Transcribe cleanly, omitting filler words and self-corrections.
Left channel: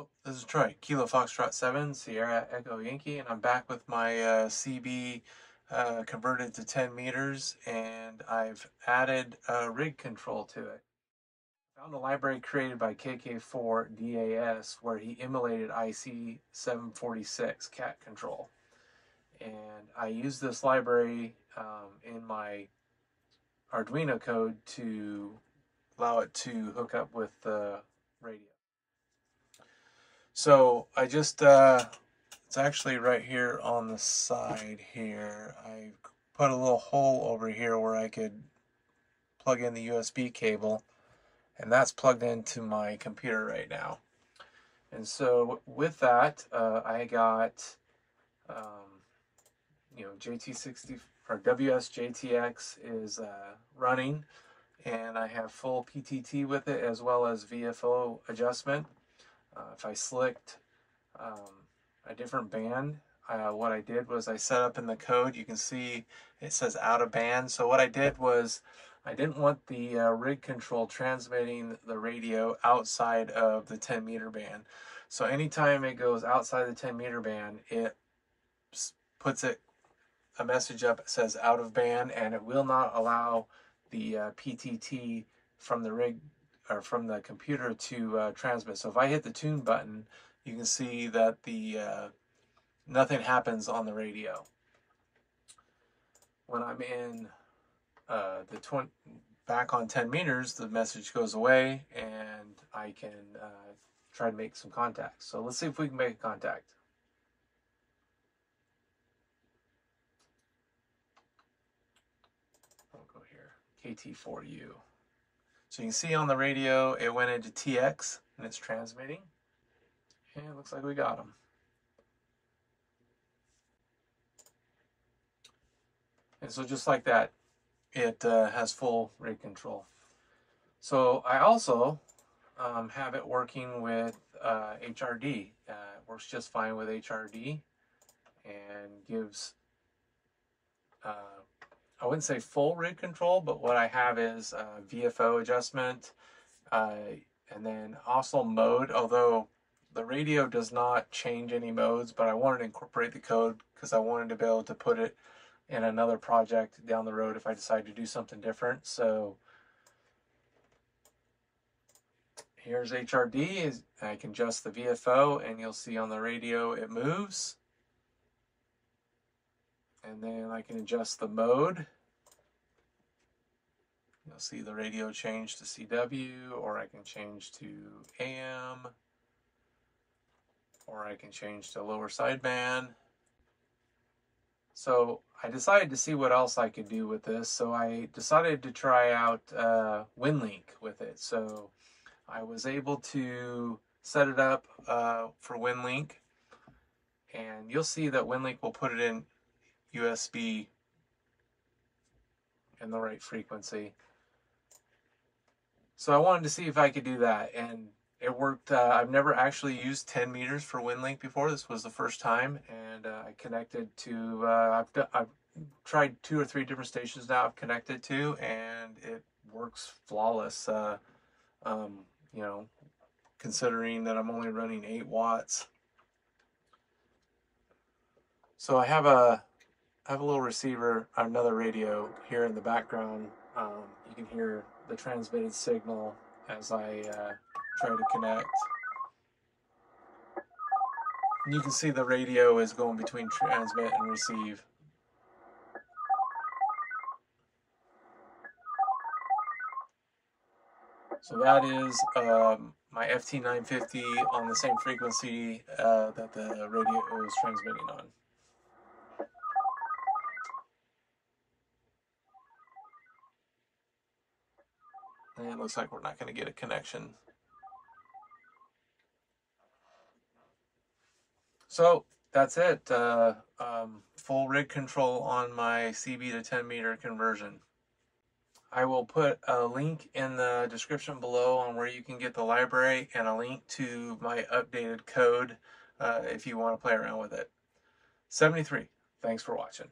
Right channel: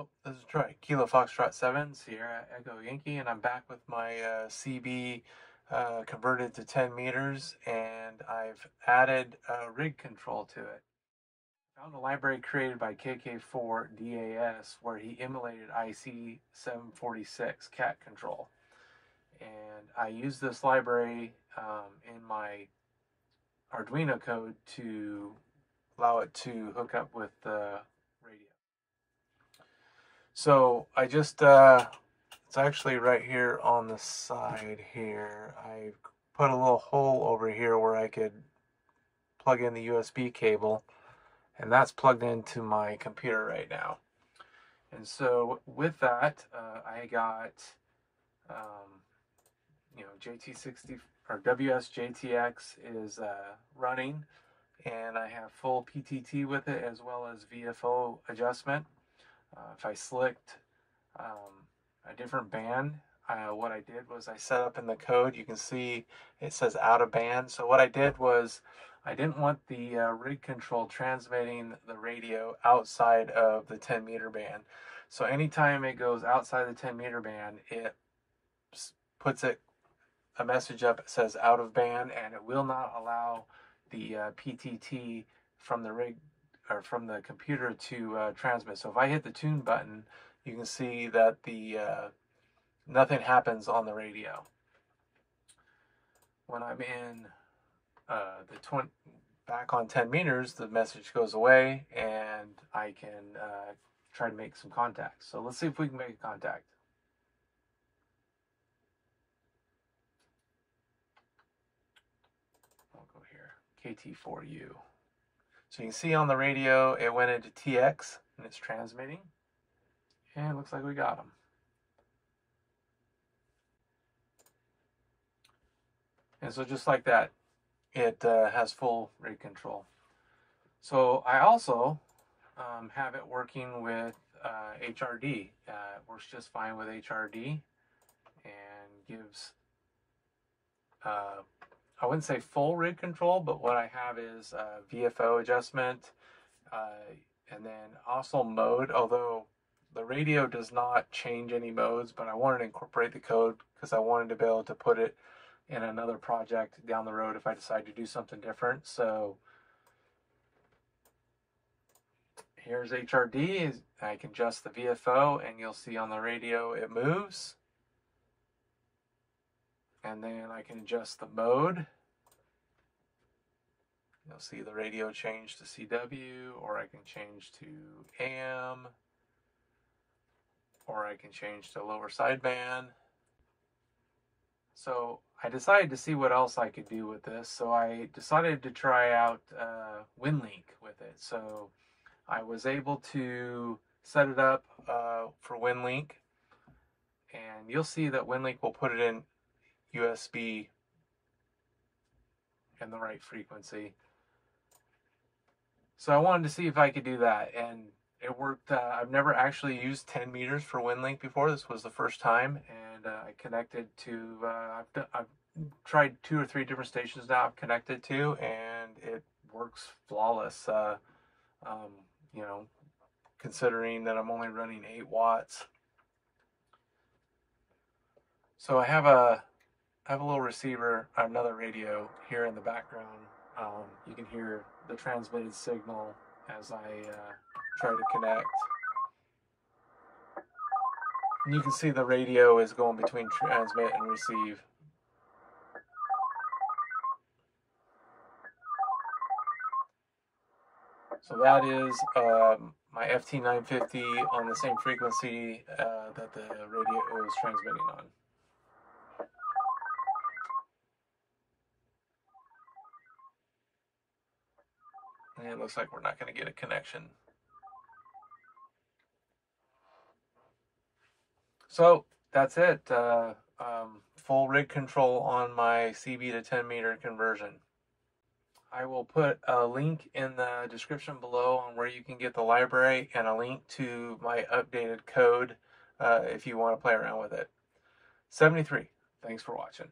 Hello, this is Troy, Kilo Foxtrot 7, Sierra Echo Yankee, and I'm back with my CB converted to 10 meters, and I've added rig control to it. I found a library created by KK4DAS where he emulated IC-746 cat control. And I used this library in my Arduino code to allow it to hook up with the radio. So I just, it's actually right here on the side here. I put a little hole over here where I could plug in the USB cable, and that's plugged into my computer right now. And so with that, I got, JT60 or WSJTX is running, and I have full PTT with it as well as VFO adjustment. If I slicked a different band, what I did was I set up in the code, you can see it says out of band. So what I did was I didn't want the rig control transmitting the radio outside of the 10 meter band. So anytime it goes outside the 10 meter band, it puts a message up that says out of band, and it will not allow the PTT from the rig or from the computer to transmit. So if I hit the tune button, you can see that the nothing happens on the radio. When I'm in back on 10 meters, the message goes away, and I can try to make some contacts. So let's see if we can make a contact. We'll go here, KT4U. So you can see on the radio, it went into TX, and it's transmitting. And it looks like we got them. And so just like that, it has full rig control. So I also have it working with HRD. It works just fine with HRD and gives, I wouldn't say full rig control, but what I have is VFO adjustment, and then also mode, although the radio does not change any modes, but I wanted to incorporate the code because I wanted to be able to put it in another project down the road if I decide to do something different. So here's HRD. I can adjust the VFO, and you'll see on the radio it moves. And then I can adjust the mode. You'll see the radio change to CW, or I can change to AM, or I can change to lower sideband. So I decided to see what else I could do with this. So I decided to try out WinLink with it. So I was able to set it up for WinLink, and you'll see that WinLink will put it in USB in the right frequency. So I wanted to see if I could do that, and it worked. I've never actually used 10 meters for WinLink before. This was the first time, and I connected to, I've tried 2 or 3 different stations now I've connected to, and it works flawless, considering that I'm only running 8 watts. So I have a little receiver, another radio here in the background. You can hear the transmitted signal as I try to connect. And you can see the radio is going between transmit and receive. So that is my FT950 on the same frequency that the radio is transmitting on. And it looks like we're not going to get a connection. So that's it. Full rig control on my CB to 10 meter conversion. I will put a link in the description below on where you can get the library, and a link to my updated code if you want to play around with it. 73. Thanks for watching.